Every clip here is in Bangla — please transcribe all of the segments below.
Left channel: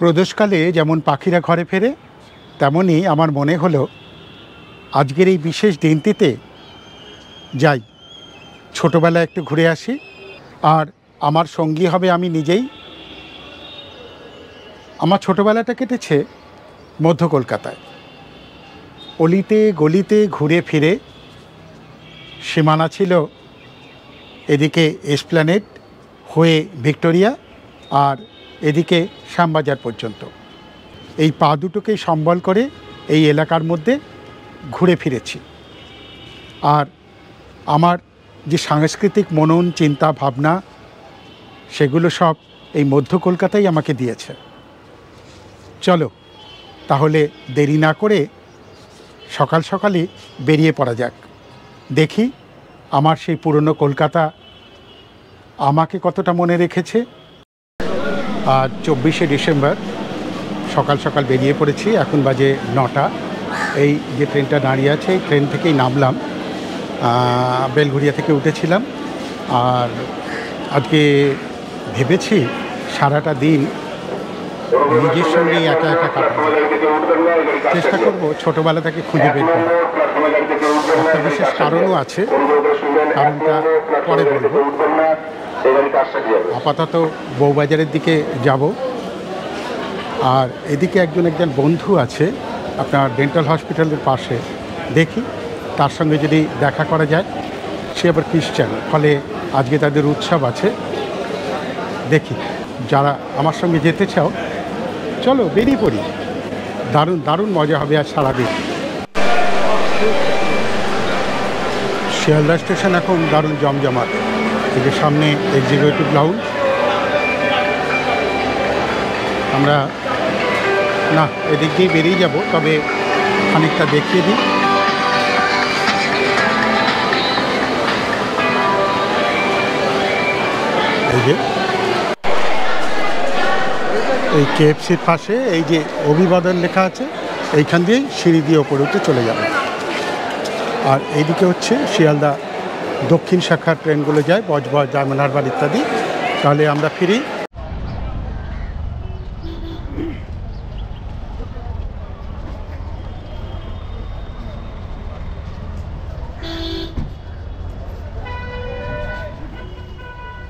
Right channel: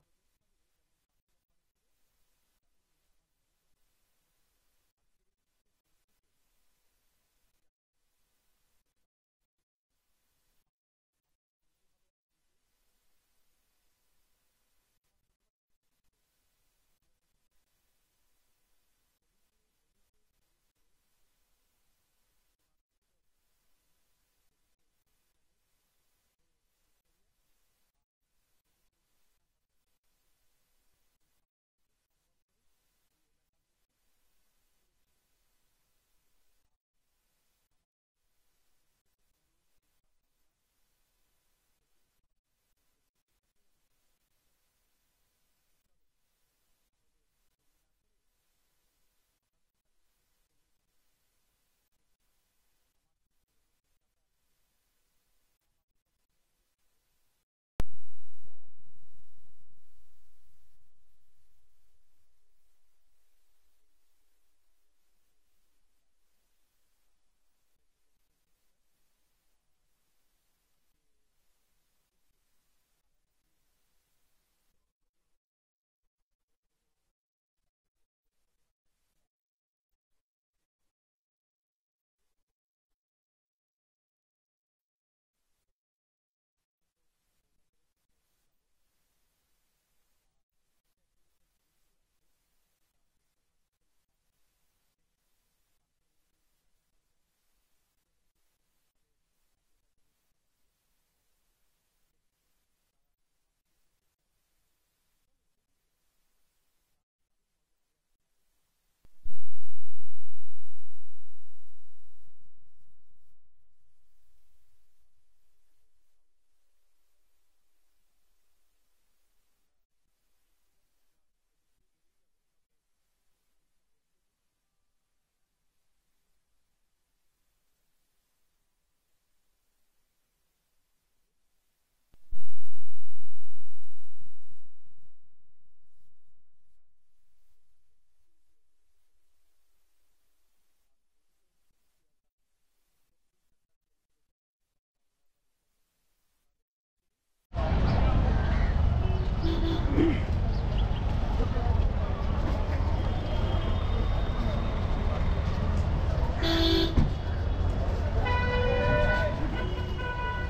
প্রদোষকালে যেমন পাখিরা ঘরে ফেরে, তেমনই আমার মনে হলো আজকের এই বিশেষ দিনটিতে যাই, ছোটোবেলায় একটু ঘুরে আসি। আর আমার সঙ্গী হবে আমি নিজেই। আমার ছোটোবেলাটা কেটেছে মধ্য কলকাতায়, অলিতে গলিতে ঘুরে ফিরে। সীমানা ছিল এদিকে এসপ্ল্যানেড হয়ে ভিক্টোরিয়া, আর এদিকে শ্যামবাজার পর্যন্ত। এই পা দুটোকেই সম্বল করে এই এলাকার মধ্যে ঘুরে ফিরেছি। আর আমার যে সাংস্কৃতিক মনন, চিন্তা, ভাবনা, সেগুলো সব এই মধ্য কলকাতাই আমাকে দিয়েছে। চলো তাহলে দেরি না করে সকাল সকালই বেরিয়ে পড়া যাক। দেখি আমার সেই পুরনো কলকাতা আমাকে কতটা মনে রেখেছে। আজ 24শে ডিসেম্বর, সকাল সকাল বেরিয়ে পড়েছি। এখন বাজে 9টা। এই যে ট্রেনটা দাঁড়িয়ে আছে, এই ট্রেন থেকেই নামলাম। বেলঘরিয়া থেকে উঠেছিলাম। আর আজকে ভেবেছি সারাটা দিন নিজের সঙ্গেই একা একা কাটাবো। চেষ্টা করব ছোটোবেলা থেকে খুঁজে বের করা। একটা বিশেষ কারণও আছে, কারণটা পরে বলবো। আপাতত বউবাজারের দিকে যাব। আর এদিকে একজন বন্ধু আছে আপনার ডেন্টাল হসপিটালের পাশে, দেখি তার সঙ্গে যদি দেখা করা যায়। সে আবার খ্রিস্টান, ফলে আজকে তাদের উৎসব আছে। দেখি যারা আমার সঙ্গে যেতে চাও, চলো বেরিয়ে পড়ি। দারুণ দারুণ মজা হবে আজ সারাদিন। শিয়ালদা স্টেশন এখন দারুণ জমজমাট। এই যে সামনে এক্সিকিউটিভ লাউঞ্জ। আমরা না এদিক দিয়ে বেরিয়ে যাব, তবে খানিকটা দেখিয়ে দিই। এই যে এই কেএফসির পাশে এই যে অভিবাদন লেখা আছে, এইখান দিয়েই সিঁড়ি দিয়ে ওপরে উঠে চলে যাবে। আর এইদিকে হচ্ছে শিয়ালদা দক্ষিণ শাখার ট্রেনগুলো যায়, বজবজ, ডায়মন্ড হারবার ইত্যাদি। তাহলে আমরা ফিরি।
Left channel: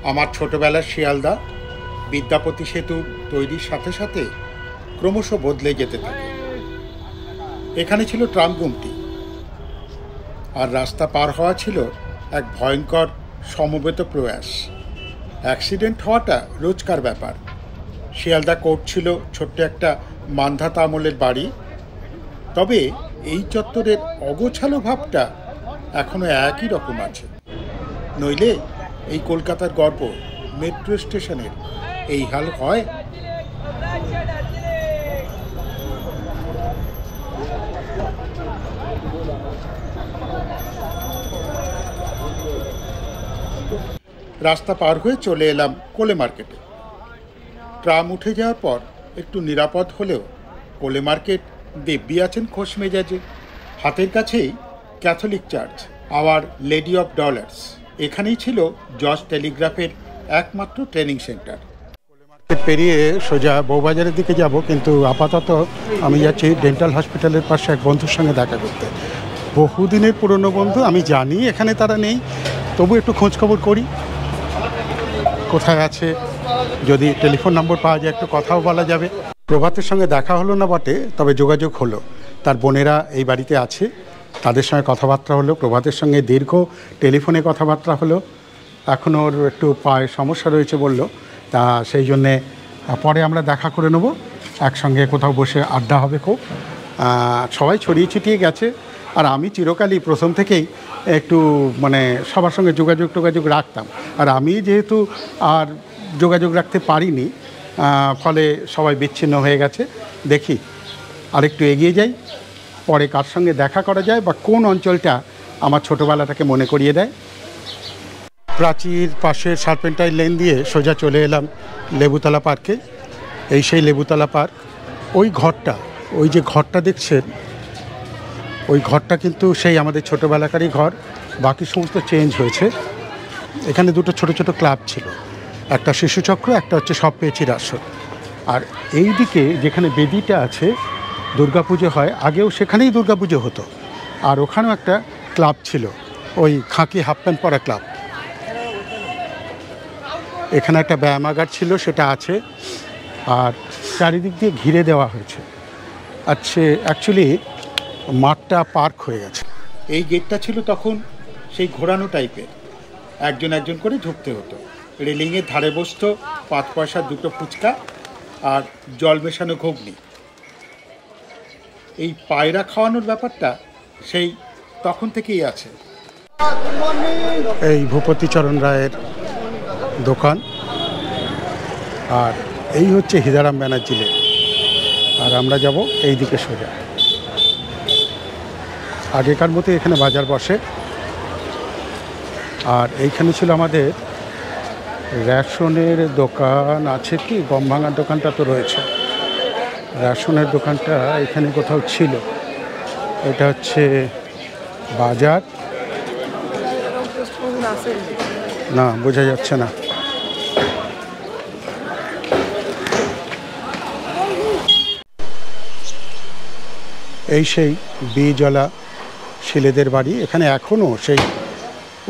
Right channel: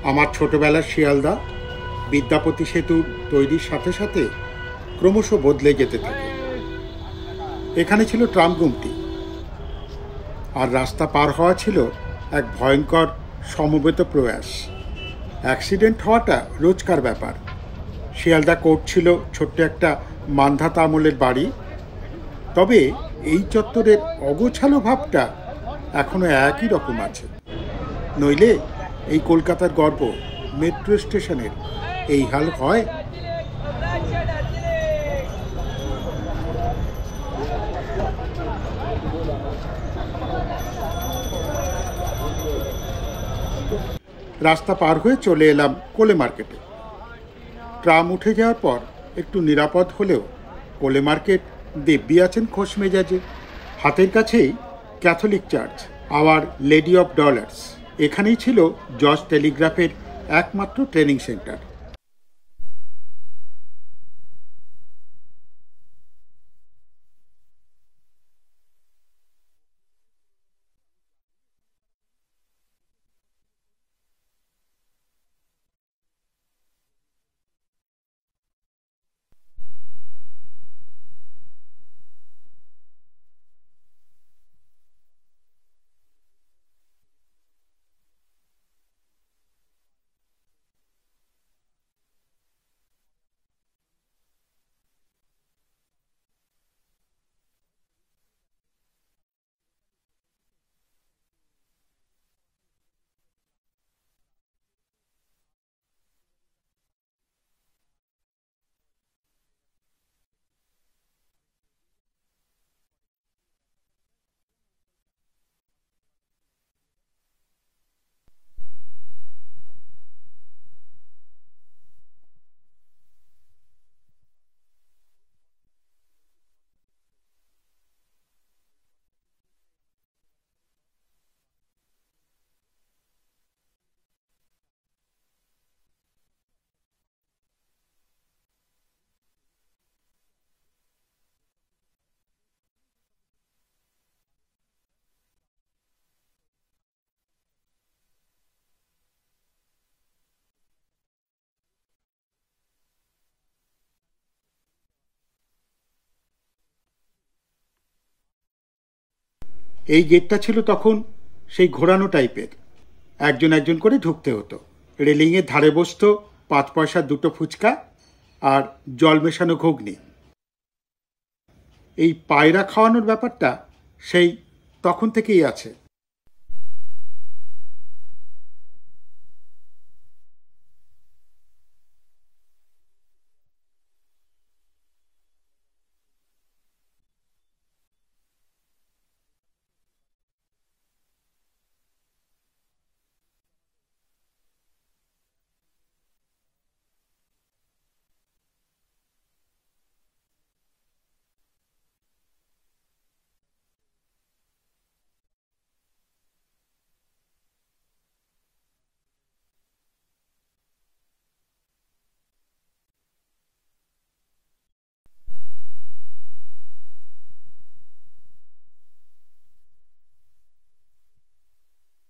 আমার ছোটোবেলার শিয়ালদা বিদ্যাপতি সেতু তৈরির সাথে সাথে ক্রমশ বদলে যেতে থাকে। এখানে ছিল ট্রাম গুমটি, আর রাস্তা পার হওয়া ছিল এক ভয়ঙ্কর সমবেত প্রয়াস। অ্যাক্সিডেন্ট হওয়াটা রোজকার ব্যাপার। শিয়ালদা কোর্ট ছিল ছোট্ট একটা মান্ধাতা আমলের বাড়ি, তবে এই চত্বরের অগোছালো ভাবটা এখনো একই রকম আছে। নইলে এই কলকাতার গর্ব মেট্রো স্টেশনের এই হাল হয়? রাস্তা পার হয়ে চলে এলাম কোলে মার্কেটে। ট্রাম উঠে যাওয়ার পর একটু নিরাপদ হলেও কোলে মার্কেট দিব্যি আছেন খোশ মেজাজে। হাতের কাছেই Catholic church, our lady of Dolours. এখানেই ছিল জজ টেলিগ্রাফের একমাত্র ট্রেনিং সেন্টার। পেরিয়ে সোজা বউবাজারের দিকে যাব, কিন্তু আপাতত আমি যাচ্ছি ডেন্টাল হসপিটালের পাশে এক বন্ধুর সঙ্গে দেখা করতে। বহুদিনের পুরনো বন্ধু। আমি জানি এখানে তারা নেই, তবু একটু খোঁজখবর করি কোথায় আছে। যদি টেলিফোন নম্বর পাওয়া যায় একটু কথাও বলা যাবে। প্রভাতের সঙ্গে দেখা হলো না বটে, তবে যোগাযোগ হলো। তার বোনেরা এই বাড়িতে আছে, তাদের সঙ্গে কথাবার্তা হলো। প্রভাতের সঙ্গে দীর্ঘ টেলিফোনে কথাবার্তা হলো। এখন ওর একটু পায়ে সমস্যা রয়েছে বলল, তা সেই জন্যে পরে আমরা দেখা করে নেব। একসঙ্গে কোথাও বসে আড্ডা হবে খুব। সবাই ছড়িয়ে ছিটিয়ে গেছে, আর আমি চিরকালই প্রথম থেকেই একটু সবার সঙ্গে যোগাযোগ রাখতাম। আর আমি যেহেতু আর যোগাযোগ রাখতে পারিনি, ফলে সবাই বিচ্ছিন্ন হয়ে গেছে। দেখি আর একটু এগিয়ে যাই, পরে কার সঙ্গে দেখা করা যায় বা কোন অঞ্চলটা আমার ছোটোবেলাটাকে মনে করিয়ে দেয়। প্রাচীর পাশের সার্পেন্টাইন লেন দিয়ে সোজা চলে এলাম লেবুতলা পার্কে। এই সেই লেবুতলা পার্ক। ওই ঘরটা, ওই যে ঘরটা দেখছেন, ওই ঘরটা কিন্তু সেই আমাদের ছোটোবেলাকারই ঘর। বাকি সমস্ত চেঞ্জ হয়েছে। এখানে দুটো ছোট ছোট ক্লাব ছিল, একটা শিশুচক্র, একটা হচ্ছে সব পেয়েছির আসর। আর এই দিকে যেখানে বেদিটা আছে দুর্গাপুজো হয়, আগেও সেখানেই দুর্গাপুজো হতো। আর ওখানেও একটা ক্লাব ছিল, ওই খাকি হাফ প্যান্ট পরা ক্লাব। এখানে একটা ব্যায়ামাগার ছিল, সেটা আছে। আর চারিদিক দিয়ে ঘিরে দেওয়া হয়েছে। আচ্ছা, অ্যাকচুয়ালি মাঠটা পার্ক হয়ে গেছে। এই গেটটা ছিল তখন সেই ঘোরানো টাইপের, একজন একজন করে ঢুকতে হতো। রেলিংয়ের ধারে বসতো 5 পয়সার 2টো ফুচকা আর জল মেশানো ঘুগনি। এই পায়রা খাওয়ানোর ব্যাপারটা সেই তখন থেকেই আছে। এই ভূপতিচরণ রায়ের দোকান, আর এই হচ্ছে হিদারাম ব্যানার্জি লেন। আর আমরা যাব এই দিকে সোজা। আগেকার মতো এখানে বাজার বসে। আর এইখানে ছিল আমাদের রেশনের দোকান, আছে কি গম ভাঙার দোকানটা তো রয়েছে, রেশনের দোকানটা এখানে কোথাও ছিল। এটা হচ্ছে বাজার, না বোঝা যাচ্ছে না। এই সেই বিজলা শিলেদের বাড়ি। এখানে এখনও সেই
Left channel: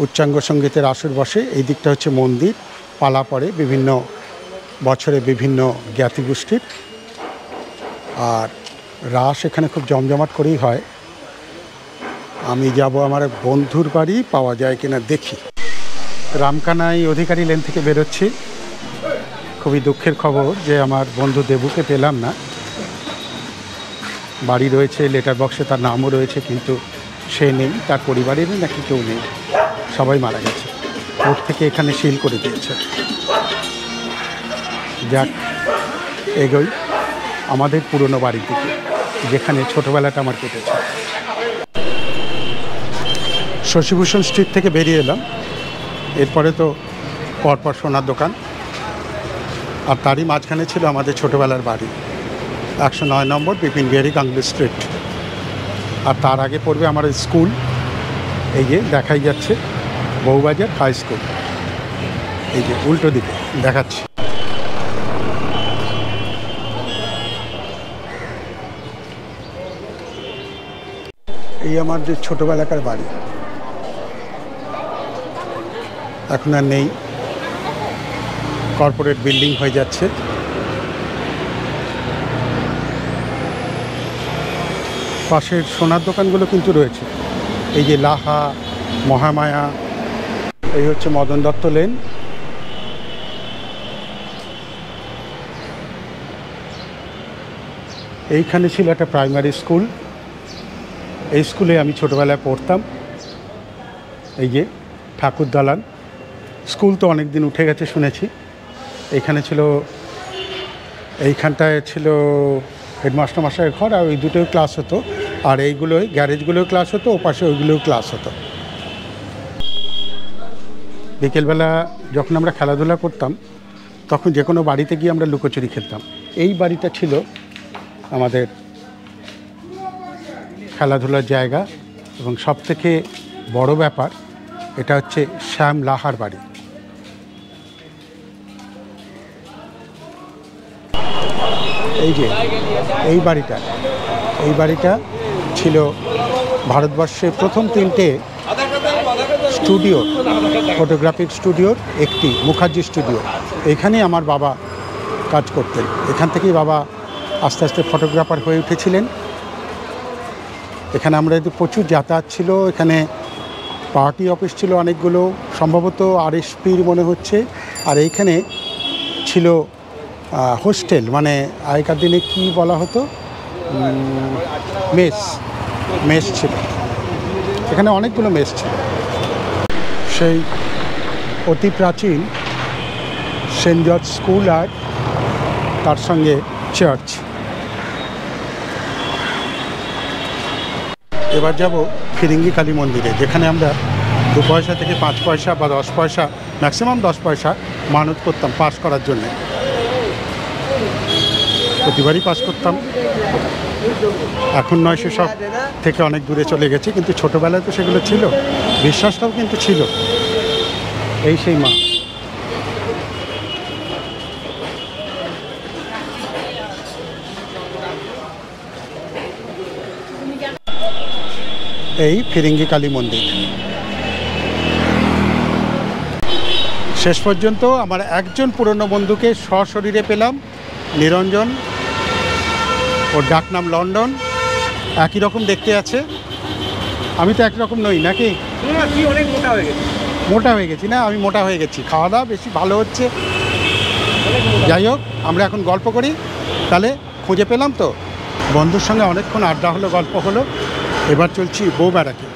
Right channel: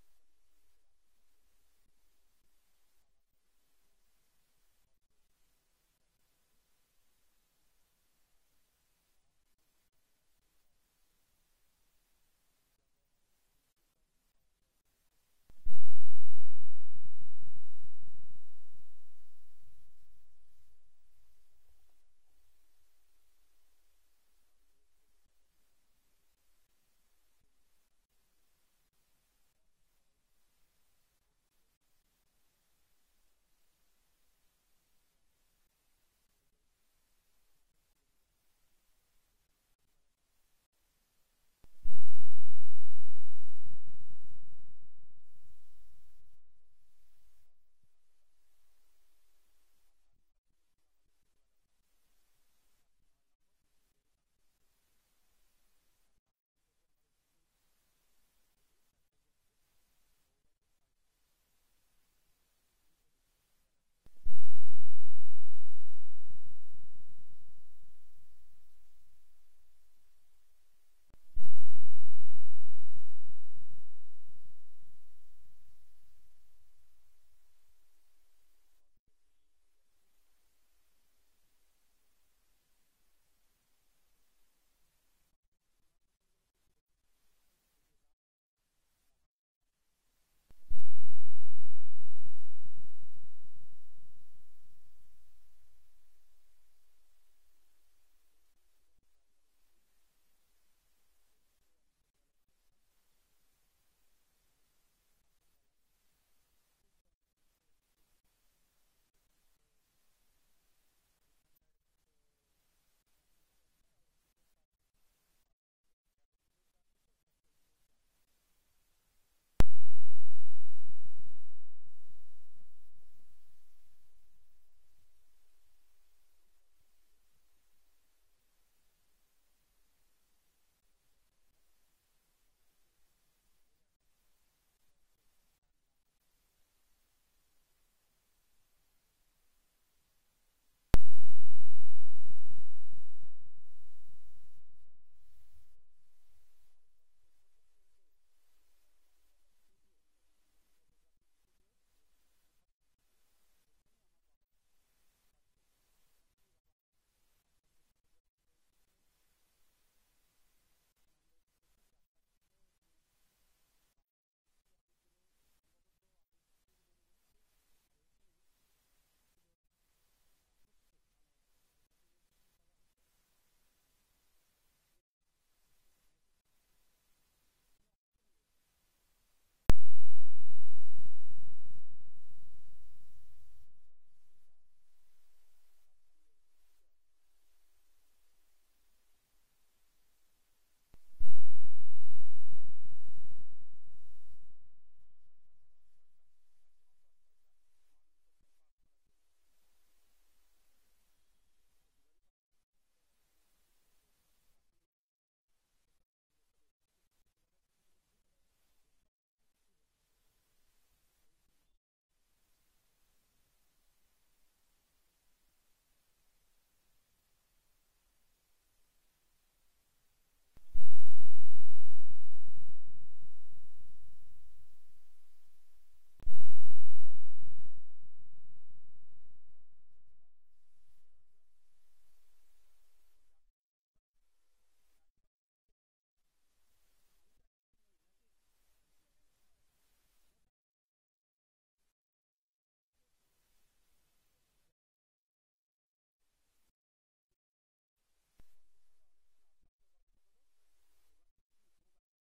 উচ্চাঙ্গ সঙ্গীতের আসর বসে। এই দিকটা হচ্ছে মন্দির, পালা পড়ে বিভিন্ন বছরে বিভিন্ন জ্ঞাতিগোষ্ঠীর। আর রাস এখানে খুব জমজমাট করেই হয়। আমি যাব আমার এক বন্ধুর বাড়ি, পাওয়া যায় কিনা দেখি। রামকানাই অধিকারী লেন থেকে বেরোচ্ছি। খুবই দুঃখের খবর যে আমার বন্ধু দেবুকে পেলাম না। বাড়ি রয়েছে, লেটার বক্সে তার নামও রয়েছে, কিন্তু সে নেই, তার পরিবারেরই নাকি কেউ নেই, সবাই মারা গেছে। কোর্ট থেকে এখানে সিল করে দিয়েছে। যাক, এগোই আমাদের পুরনো বাড়ির দিকে, যেখানে ছোটোবেলাটা আমার কেটেছে। শশীভূষণ স্ট্রিট থেকে বেরিয়ে এলাম। এরপরে তো পরপর সোনার দোকান, আর তারই মাঝখানে ছিল আমাদের ছোটোবেলার বাড়ি, 109 নম্বর বিপিন বিহারী গাঙ্গুলি স্ট্রিট। আর তার আগে পড়বে আমার স্কুল, এই যে দেখাই যাচ্ছে বউবাজার হাই স্কুল, এই যে উল্টো দিকে দেখাচ্ছি। এই আমার যে ছোটোবেলাকার বাড়ি, এখন আর নেই, কর্পোরেট বিল্ডিং হয়ে যাচ্ছে। পাশের সোনার দোকানগুলো কিন্তু রয়েছে, এই যে লাহা, মহামায়া। এই হচ্ছে মদন দত্ত লেন। এইখানে ছিল একটা প্রাইমারি স্কুল, এই স্কুলে আমি ছোটোবেলায় পড়তাম। এই যে ঠাকুর দালান, স্কুল তো অনেক দিন উঠে গেছে শুনেছি। এইখানে ছিল, এইখানটায় ছিল হেডমাস্টার মশাইয়ের ঘর, আর ওই দুটোই ক্লাস হতো। আর এইগুলোই গ্যারেজগুলোও ক্লাস হতো, ও পাশে ওইগুলোও ক্লাস হতো। বিকেলবেলা যখন আমরা খেলাধুলা করতাম, তখন যে কোনো বাড়িতে গিয়ে আমরা লুকোচুরি খেলতাম। এই বাড়িটা ছিল আমাদের খেলাধুলার জায়গা, এবং সবথেকে বড় ব্যাপার এটা হচ্ছে শ্যাম লাহার বাড়ি। এই যে এই বাড়িটা ছিল ভারতবর্ষের প্রথম 3টে স্টুডিও, ফটোগ্রাফিক স্টুডিওর একটি, মুখার্জি স্টুডিও। এখানেই আমার বাবা কাজ করতেন, এখান থেকেই বাবা আস্তে আস্তে ফটোগ্রাফার হয়ে উঠেছিলেন। এখানে আমরা প্রচুর যাতায়াত ছিল, এখানে পার্টি অফিস ছিল অনেকগুলো, সম্ভবত আরএসপির মনে হচ্ছে। আর এইখানে ছিল হোস্টেল, মানে আগেকার দিনে কি বলা হতো, মেস ছিল। এখানে অনেকগুলো মেস ছিল। সেই অতি প্রাচীন সেন্ট জর্জ স্কুল আর তার সঙ্গে চার্চ। এবার যাব ফিরিঙ্গি কালী মন্দিরে, যেখানে আমরা 2 পয়সা থেকে 5 পয়সা বা 10 পয়সা, ম্যাক্সিমাম 10 পয়সা মানত করতাম পাস করার জন্যে। প্রতিবারই পাস করতাম। এখন নয়, সেসব থেকে অনেক দূরে চলে গেছে, কিন্তু ছোটোবেলায় তো সেগুলো ছিল, বিশ্বাসটাও কিন্তু ছিল। এই সেই মা। এই ফিরিঙ্গি কালী মন্দির। শেষ পর্যন্ত আমার একজন পুরনো বন্ধুকে সশরীরে পেলাম, নিরঞ্জন। ওর ডাকনাম লন্ডন। একই রকম দেখতে আছে। আমি তো একরকম নই নাকি? অনেক মোটা হয়ে গেছে। মোটা হয়ে গেছি না? আমি মোটা হয়ে গেছি, খাওয়া দাওয়া বেশি ভালো হচ্ছে। যাই হোক, আমরা এখন গল্প করি। তাহলে খুঁজে পেলাম তো, বন্ধুর সঙ্গে অনেকক্ষণ আড্ডা হলো, গল্প হলো। এবার চলছি বউ ব্যারাকে।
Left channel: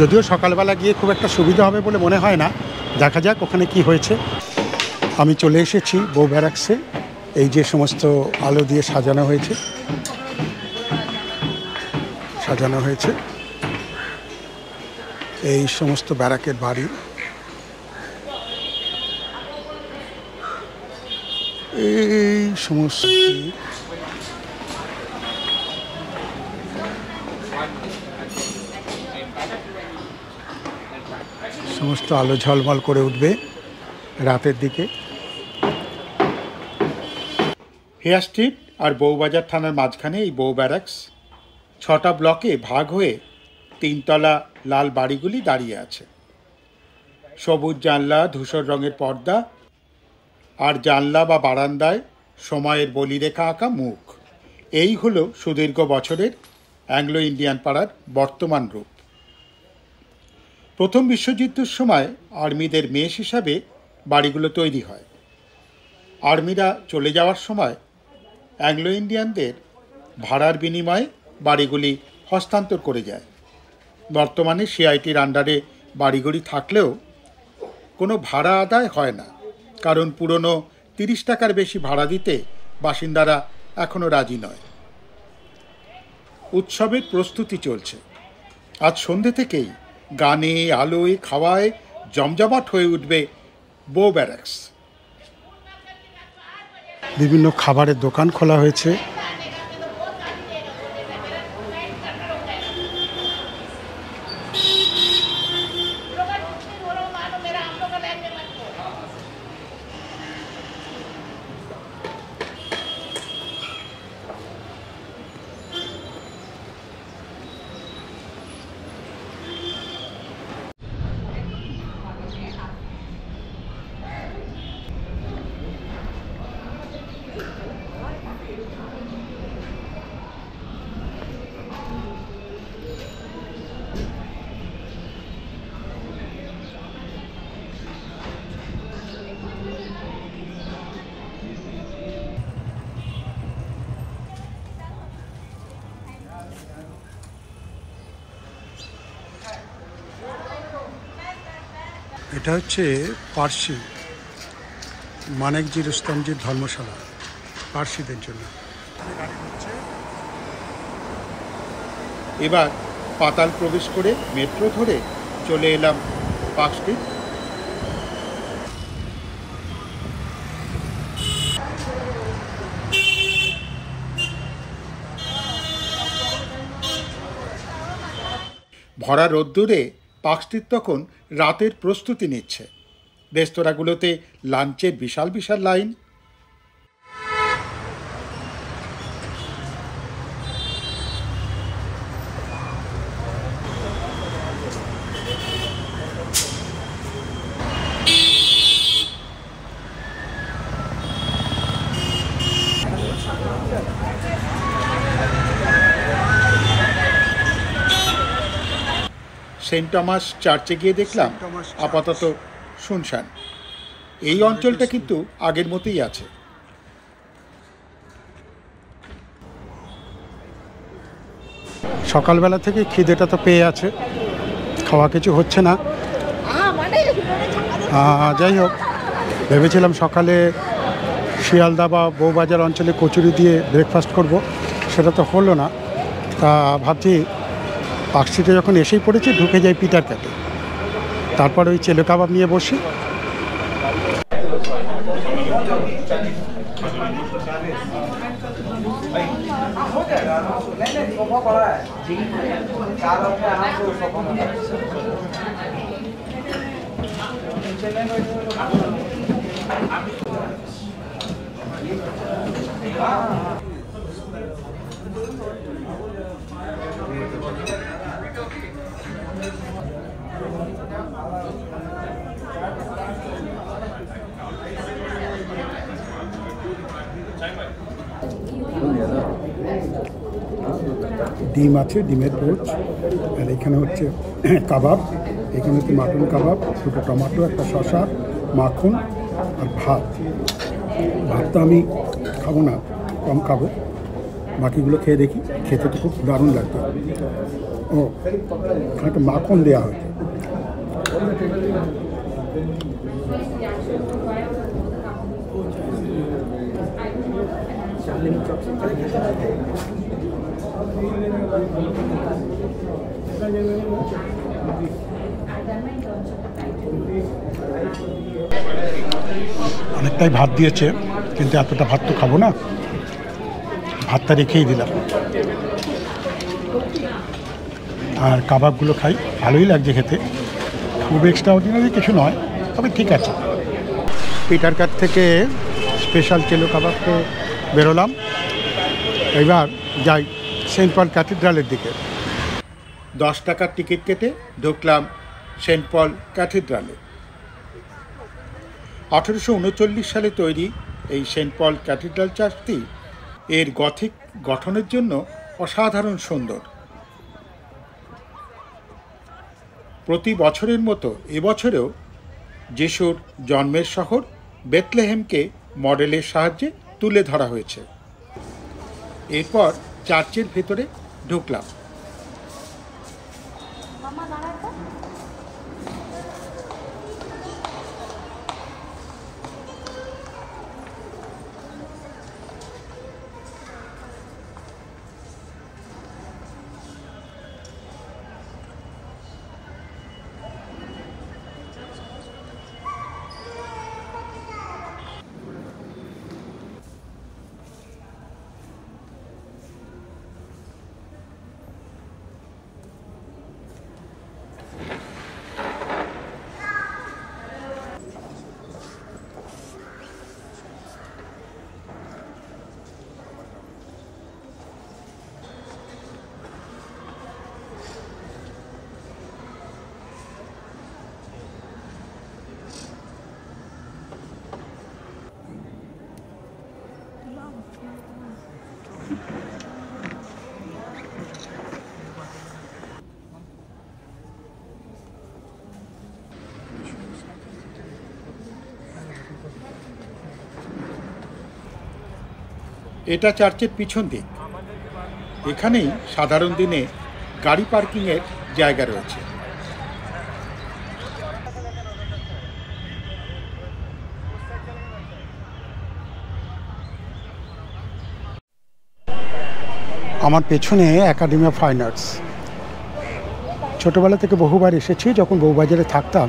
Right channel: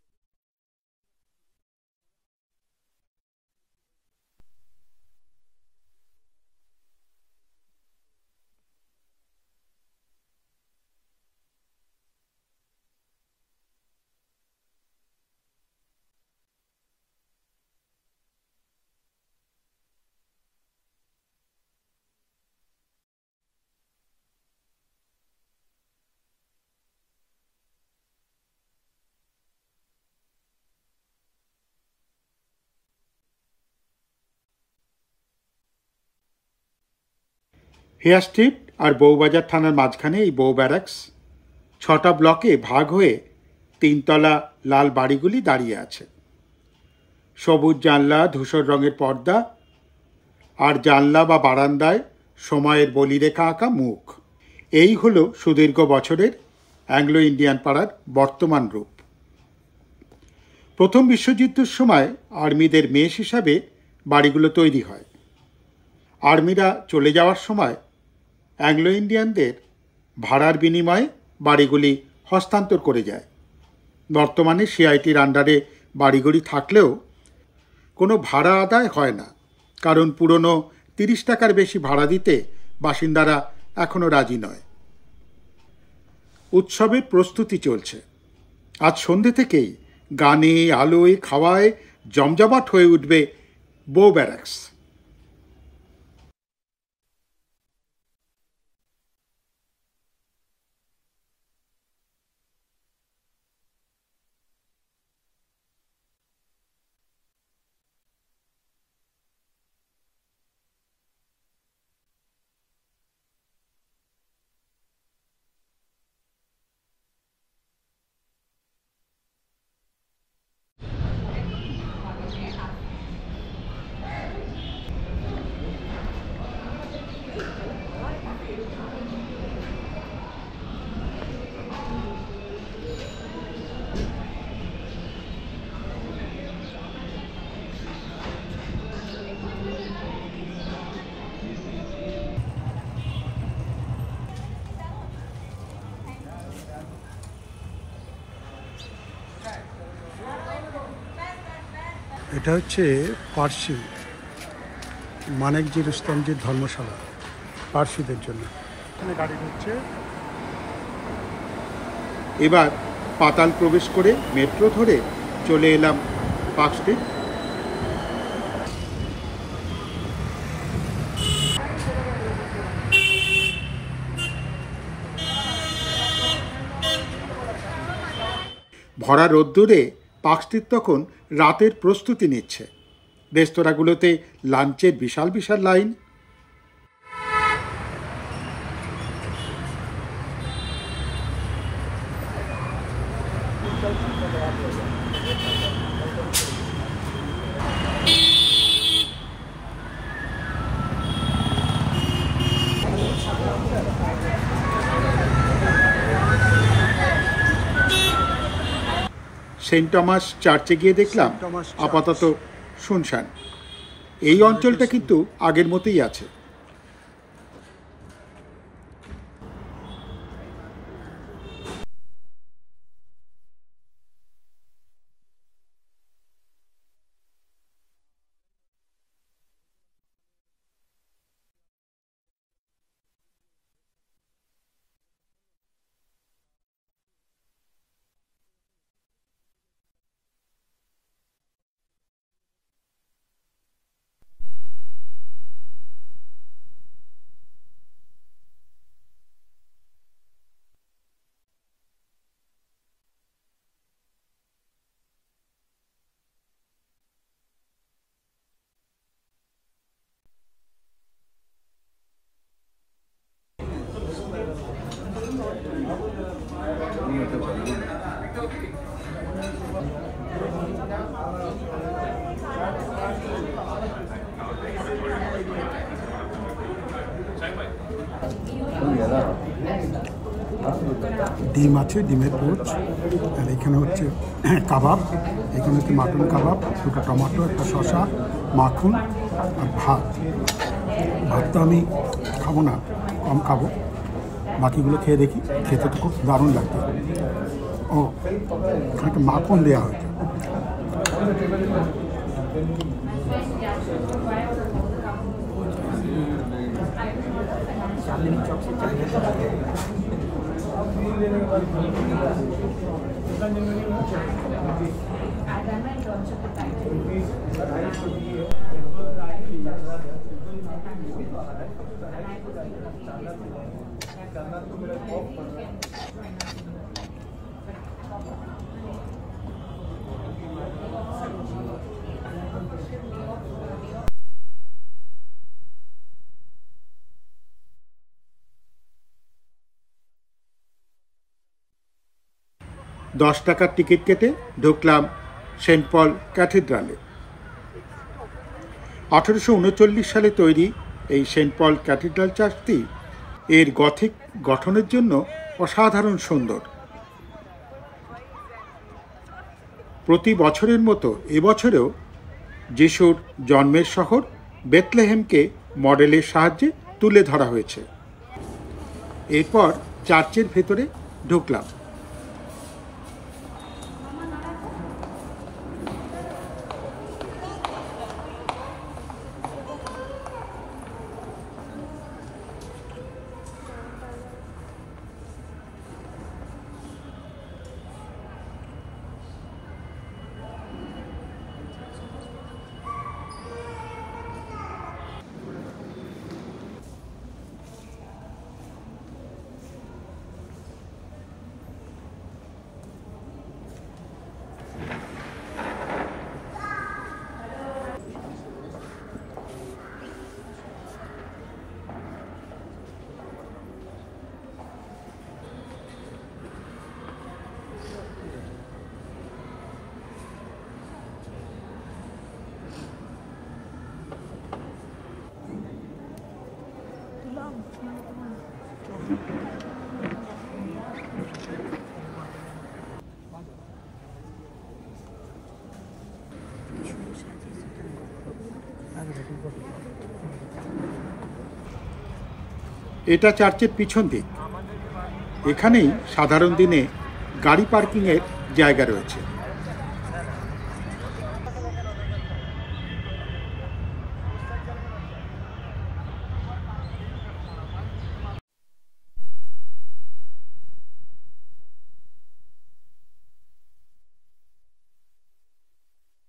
যদিও সকালবেলা গিয়ে খুব একটা সুবিধা হবে বলে মনে হয় না, দেখা যাক ওখানে কি হয়েছে। আমি চলে এসেছি বউ ব্যারাকসে। এই যে সমস্ত আলো দিয়ে সাজানো হয়েছে, এই সমস্ত ব্যারাকের বাড়ি। এই সমস্ত আলো ঝলমল করে উঠবে রাতের দিকে। হেয়ার স্ট্রিট আর বউবাজার থানার মাঝখানে এই বউ ব্যারাকস। 6টা ব্লকে ভাগ হয়ে 3তলা লাল বাড়িগুলি দাঁড়িয়ে আছে। সবুজ জানলা, ধূসর রঙের পর্দা, আর জানলা বা বারান্দায় সময়ের বলিরেখা আঁকা মুখ। এই হলো সুদীর্ঘ বছরের অ্যাংলো ইন্ডিয়ান পাড়ার বর্তমান রূপ। প্রথম বিশ্বযুদ্ধের সময় আর্মিদের মেস হিসাবে বাড়িগুলো তৈরি হয়। আর্মিরা চলে যাওয়ার সময় অ্যাংলো ইন্ডিয়ানদের ভাড়ার বিনিময়ে বাড়িগুলি হস্তান্তর করে যায়। বর্তমানে সিআইটির আন্ডারে বাড়িগুলি থাকলেও কোনো ভাড়া আদায় হয় না, কারণ পুরনো 30 টাকার বেশি ভাড়া দিতে বাসিন্দারা এখনও রাজি নয়। উৎসবের প্রস্তুতি চলছে। আজ সন্ধ্যে থেকেই গানে, আলোয়, খাওয়ায় জমজমাট হয়ে উঠবে বউ ব্যারাকস। বিভিন্ন খাবারের দোকান খোলা হয়েছে। এটা হচ্ছে পার্সি মানেকজি রুস্তমজির ধর্মশালা, পার্সিদের জন্য। এখানে গাড়ি ঢুকছে। এবার পাতাল প্রবেশ করে মেট্রো ধরে চলে এলাম পার্ক স্ট্রিট। ভরা রোদ্দুরে পার্ক স্ট্রিট তখন রাতের প্রস্তুতি নিচ্ছে। রেস্তোরাঁগুলোতে লাঞ্চের বিশাল বিশাল লাইন। সেন্ট টমাস চার্চে গিয়ে দেখলাম আপাতত শুনশান। এই অঞ্চলটা কিন্তু আগের মতোই আছে। সকালবেলা থেকে খিদেটা তো পেয়ে আছে, খাওয়া কিছু হচ্ছে না। যাই হোক, ভেবেছিলাম সকালে শিয়ালদা বা বউবাজার অঞ্চলে কচুরি দিয়ে ব্রেকফাস্ট করব, সেটা তো হলো না। তা ভাবছি পার্ক স্ট্রিটে যখন এসেই পড়েছি, ঢুকে যাই পিটার ক্যাটে, তারপর ওই চেলো কাবাব নিয়ে বসি। ডিম আছে, ডিমের পোচ, আর এখানে হচ্ছে কাবাব, এখানে হচ্ছে মাটন কাবাব, দুটো টমেটো, একটা শসা, মাখন আর ভাত। ভাতটা আমি খাবো না, কম খাবো, বাকিগুলো খেয়ে দেখি। খেতে তো খুব দারুণ লাগবে। ও একটা মাখন দেওয়া হয়েছে। অনেকটাই ভাত দিয়েছে, কিন্তু এতটা ভাত তো খাবো না, ভাতটা রেখেই দিলাম। আর কাবাবগুলো খাই, ভালোই লাগছে খেতে, খুব এক্সট্রা অর্ডিনারি কিছু নয়, তবে ঠিক আছে। পিটার কাট থেকে স্পেশাল চেলো কাবাব খেয়ে বেরোলাম। এবার যাই সেন্ট পল ক্যাথিড্রালের দিকে। 10 টাকার টিকিট কেটে ঢুকলাম সেন্ট পল ক্যাথিড্রালে। 1839 সালে তৈরি এই সেন্ট পল ক্যাথিড্রাল চার্চটি এর গথিক গঠনের জন্য অসাধারণ সুন্দর। প্রতি বছরের মতো এবছরেও যিশুর জন্মের শহর বেথলেহেমকে মডেলের সাহায্যে তুলে ধরা হয়েছে। এরপর চার্চের ভেতরে ঢুকলাম। এটা চার্চের পিছন দিক। এখানেই সাধারণ দিনে গাড়ি পার্কিংয়ের জায়গা রয়েছে। আমার পেছনে একাডেমি অফ ফাইন আর্টস। ছোটোবেলা থেকে বহুবার এসেছি। যখন বউবাজারে থাকতাম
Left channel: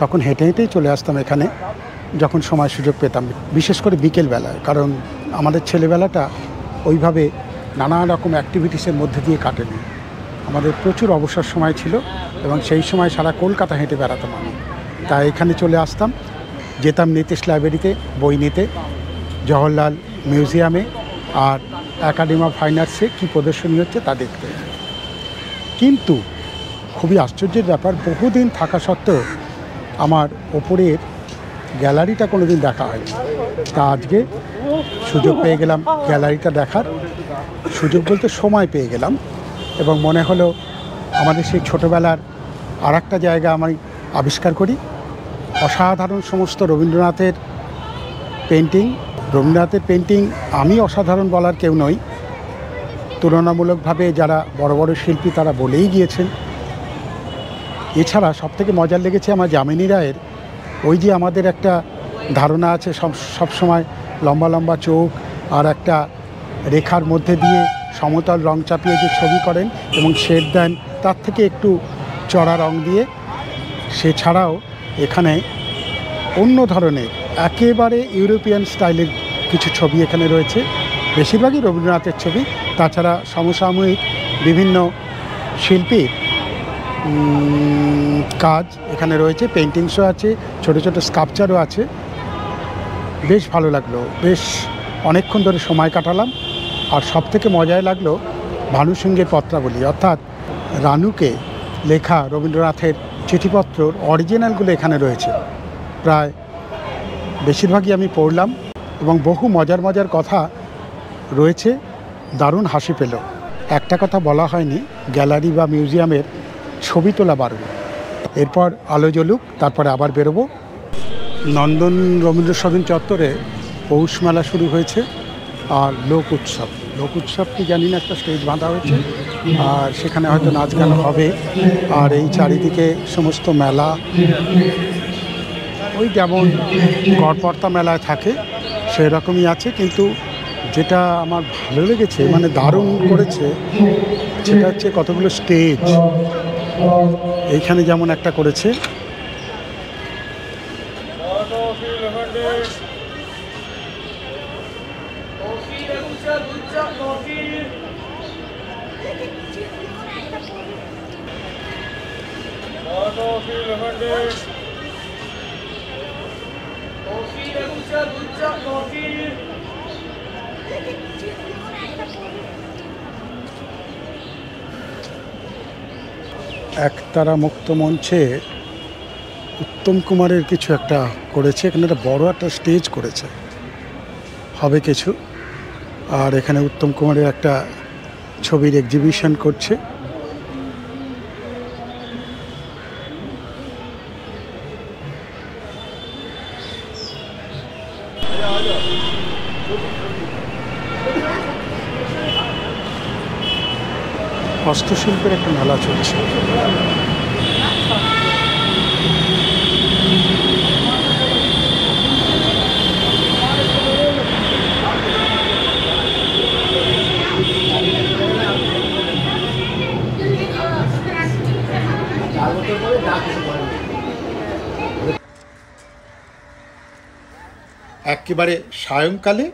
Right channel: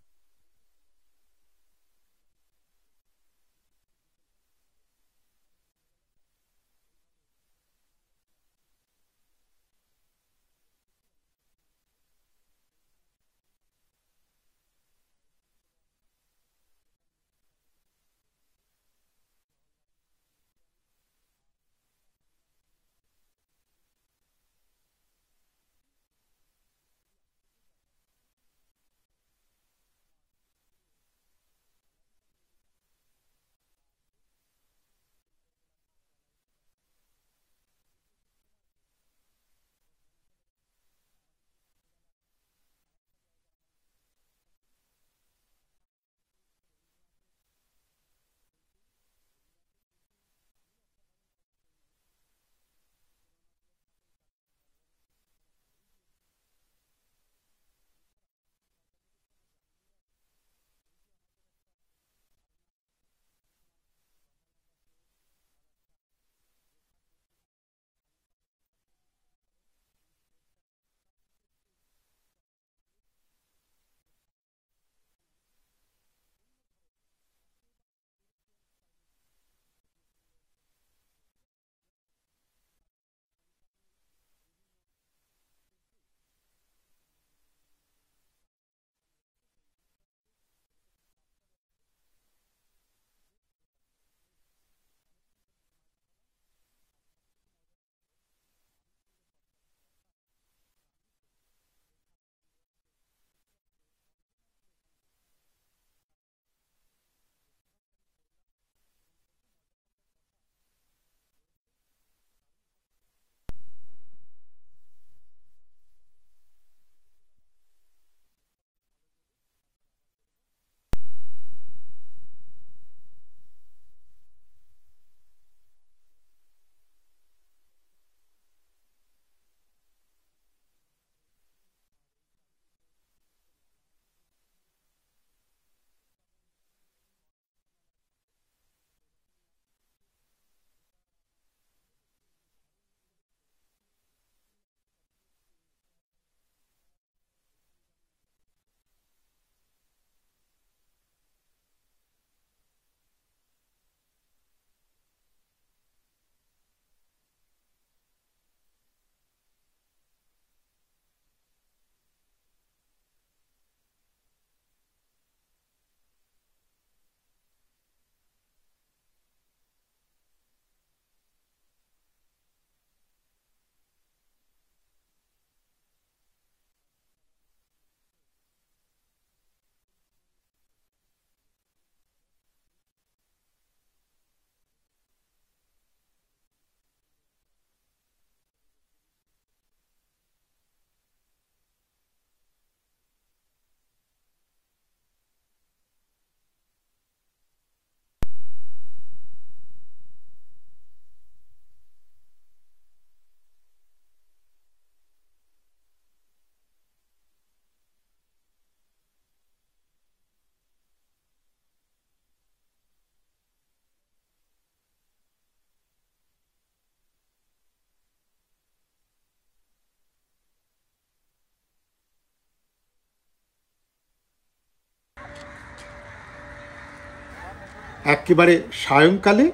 তখন হেঁটে হেঁটেই চলে আসতাম এখানে, যখন সময় সুযোগ পেতাম, বিশেষ করে বিকেলবেলায়। কারণ আমাদের ছেলেবেলাটা ওইভাবে নানা রকম অ্যাক্টিভিটিসের মধ্যে দিয়ে কাটেনি। আমাদের প্রচুর অবসর সময় ছিল এবং সেই সময় সারা কলকাতা হেঁটে বেড়াতাম আমি। তাই এখানে চলে আসতাম, যেতাম নীতিশ লাইব্রেরিতে বই নিতে, জওহরলাল মিউজিয়ামে আর একাডেমি অফ ফাইন আর্টসে কী প্রদর্শনী হচ্ছে তা দেখতে। কিন্তু খুবই আশ্চর্যের ব্যাপার, বহুদিন থাকা সত্ত্বেও আমার ওপরের গ্যালারিটা কোনো দিন দেখা হয়নি। তা আজকে সুযোগ পেয়ে গেলাম গ্যালারিটা দেখার। সুযোগ বলতে সময় পেয়ে গেলাম এবং মনে হলো আমাদের সেই ছোটোবেলার আর একটা জায়গা আমি আবিষ্কার করি। অসাধারণ সমস্ত রবীন্দ্রনাথের পেন্টিং। রবীন্দ্রনাথের পেন্টিং আমি অসাধারণ বলার কেউ নই, তুলনামূলকভাবে যারা বড় বড় শিল্পী তারা বলেই গিয়েছেন। এছাড়া সবথেকে মজার লেগেছে আমার যামিনী রায়ের ওই যে আমাদের একটা ধারণা আছে সবসময় লম্বা লম্বা চোখ আর একটা রেখার মধ্যে দিয়ে সমতল রং চাপিয়ে যে ছবি করেন এবং শেড দেন, তার থেকে একটু চড়া রং দিয়ে। সে ছাড়াও এখানে অন্য ধরনের একেবারে ইউরোপিয়ান স্টাইলের কিছু ছবি এখানে রয়েছে, বেশিরভাগই রবীন্দ্রনাথের ছবি। তাছাড়া সমসাময়িক বিভিন্ন শিল্পীর কাজ এখানে রয়েছে, পেন্টিংসও আছে, ছোট ছোট স্কাল্পচারও আছে। বেশ ভালো লাগলো, বেশ অনেকক্ষণ ধরে সময় কাটালাম। আর সবথেকে মজাই লাগলো ভানু সিংহের পত্রাবলী, অর্থাৎ রানুকে লেখা রবীন্দ্রনাথের চিঠিপত্রর অরিজিনালগুলো এখানে রয়েছে। প্রায় বেশিরভাগই আমি পড়লাম এবং বহু মজার মজার কথা রয়েছে। দারুণ হাসি পেল। একটা কথা বলা হয়নি, গ্যালারি বা মিউজিয়ামের ছবি তোলা বাড়বে। এরপর আলো জ্বলুক, তারপরে আবার বেরোবো। নন্দন রবীন্দ্র সদন চত্বরে পৌষ মেলা শুরু হয়েছে, আর লোক উৎসব কি জানি না, একটা স্টেজ বাঁধা হয়েছে, আর সেখানে হয়তো নাচ গান হবে। আর এই চারিদিকে সমস্ত মেলা, ওই যেমন গড়পড়তা মেলায় থাকে সেই রকমই আছে। কিন্তু যেটা আমার ভালো লেগেছে, মানে দারুণ করেছে, সেটা হচ্ছে কতগুলো স্টেজ। এইখানে যেমন একটা করেছে, একতারা মুক্ত মঞ্চে উত্তম কুমারের কিছু একটা করেছে। এখানে একটা বড় একটা স্টেজ করেছে, হবে কিছু। আর এখানে উত্তম কুমারের একটা ছবির এক্সিবিশন করছে। হস্তশিল্পের একটা মেলা চলছে। একেবারে সায়ংকালে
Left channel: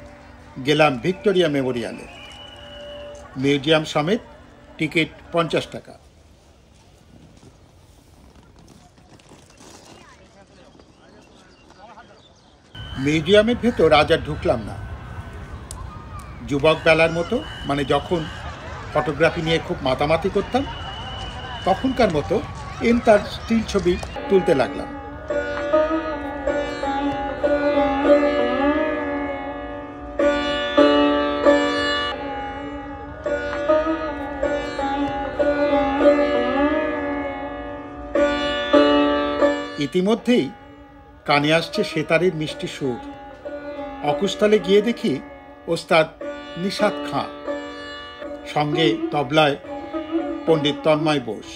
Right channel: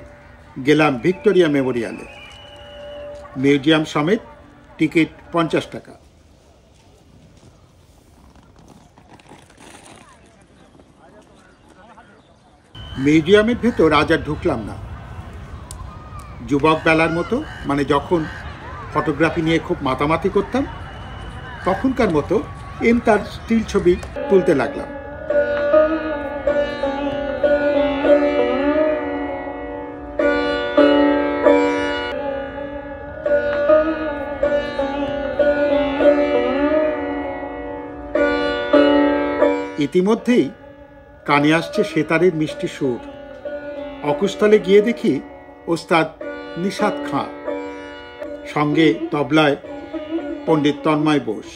গেলাম ভিক্টোরিয়া মেমোরিয়ালে। মিউজিয়াম সমেত টিকিট 50 টাকা। মিউজিয়ামের ভেতর আজ আর ঢুকলাম না। যুবক বেলার মতো, মানে যখন ফটোগ্রাফি নিয়ে খুব মাতামাতি করতাম, তখনকার মতো তার স্টিল ছবি তুলতে লাগলাম। ইতিমধ্যেই কানে আসছে সেতারের মিষ্টি সুর। অকুস্থলে গিয়ে দেখি ওস্তাদ নিশাত খাঁ, সঙ্গে তবলায় পণ্ডিত তন্ময় বোস।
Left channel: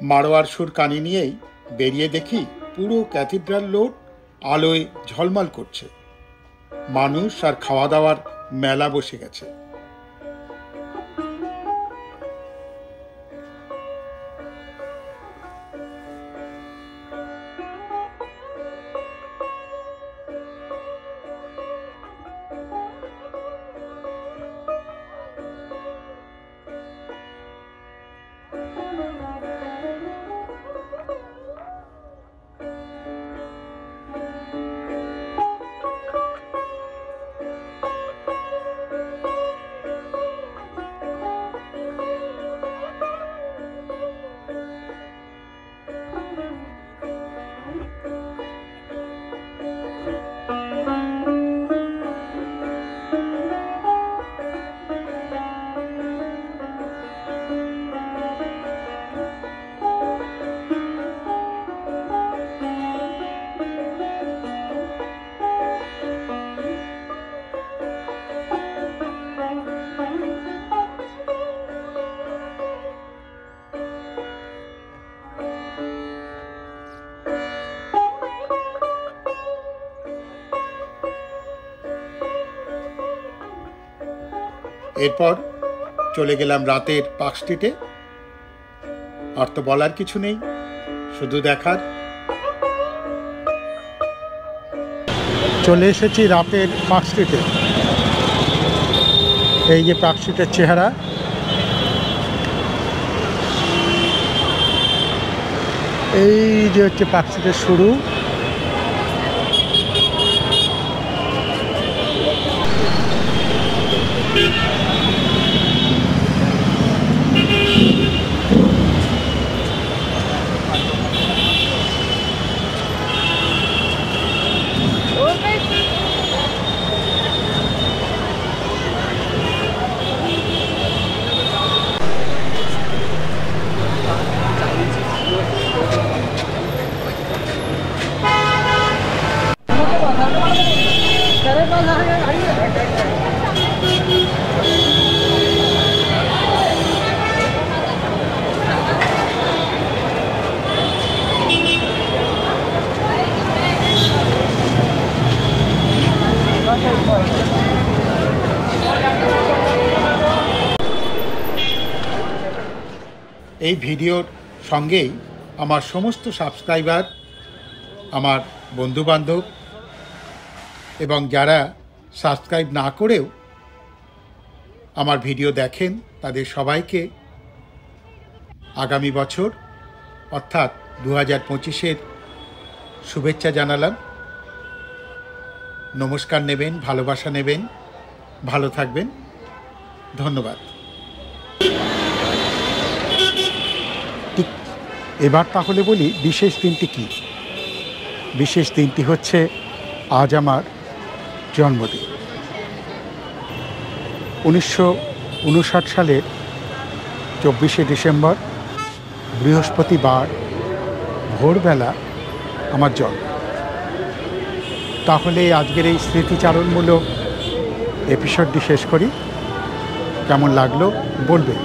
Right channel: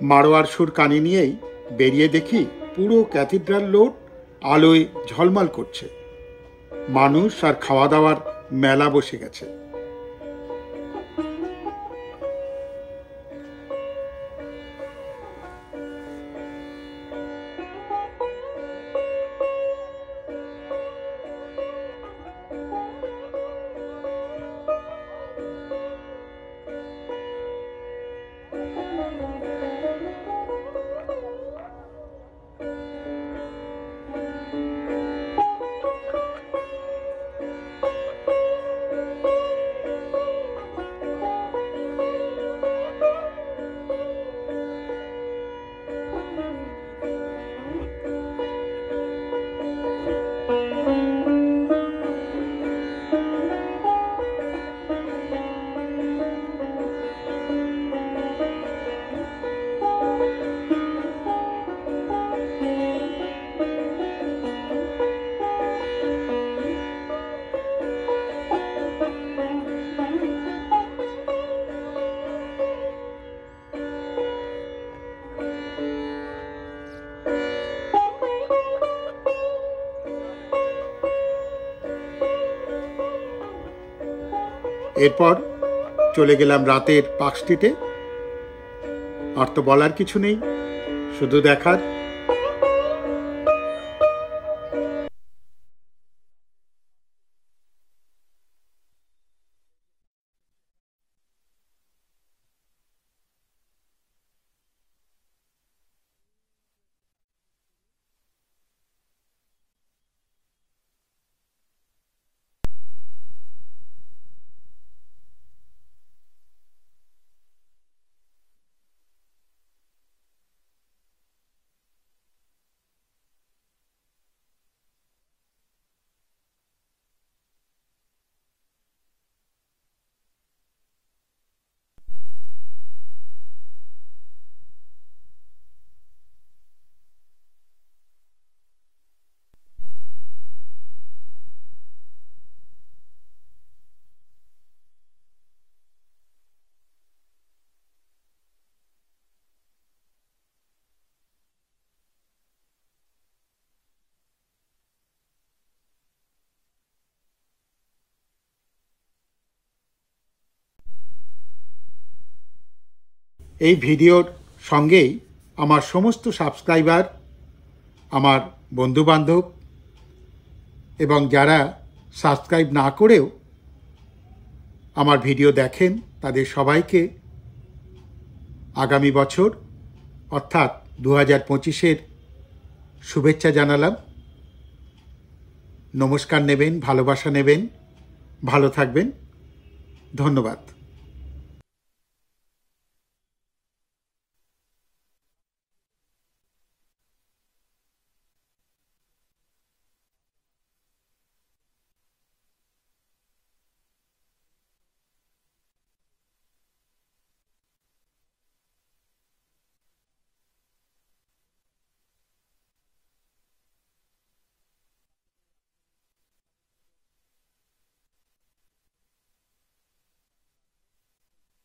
মারোয়ার সুর কানে নিয়েই বেরিয়ে দেখি পুরো ক্যাথিড্রাল রোড আলোয় ঝলমল করছে। মানুষ আর খাওয়া দাওয়ার মেলা বসে গেছে। এরপর চলে গেলাম রাতের পার্ক স্ট্রিটে। আর তো বলার কিছু নেই, শুধু দেখার। চলে এসেছি রাতের পার্ক স্ট্রিটে। এই যে পার্ক স্ট্রিটের চেহারা। এই যে হচ্ছে পার্ক স্ট্রিটের শুরু। এই ভিডিওর সঙ্গেই আমার সমস্ত সাবস্ক্রাইবার, আমার বন্ধুবান্ধব এবং যারা সাবস্ক্রাইব না করেও আমার ভিডিও দেখেন তাদের সবাইকে আগামী বছর অর্থাৎ 2025-এর শুভেচ্ছা জানালাম। নমস্কার নেবেন, ভালোবাসা নেবেন, ভালো থাকবেন। ধন্যবাদ। এবার তাহলে বলি বিশেষ দিনটি কি। বিশেষ দিনটি হচ্ছে আজ আমার জন্মদিন। 1959 সালের 24শে ডিসেম্বর বৃহস্পতিবার ভোরবেলা আমার জন্ম। তাহলে আজকের এই স্মৃতিচারণমূলক এপিসোডটি শেষ করি। কেমন লাগলো বলবেন।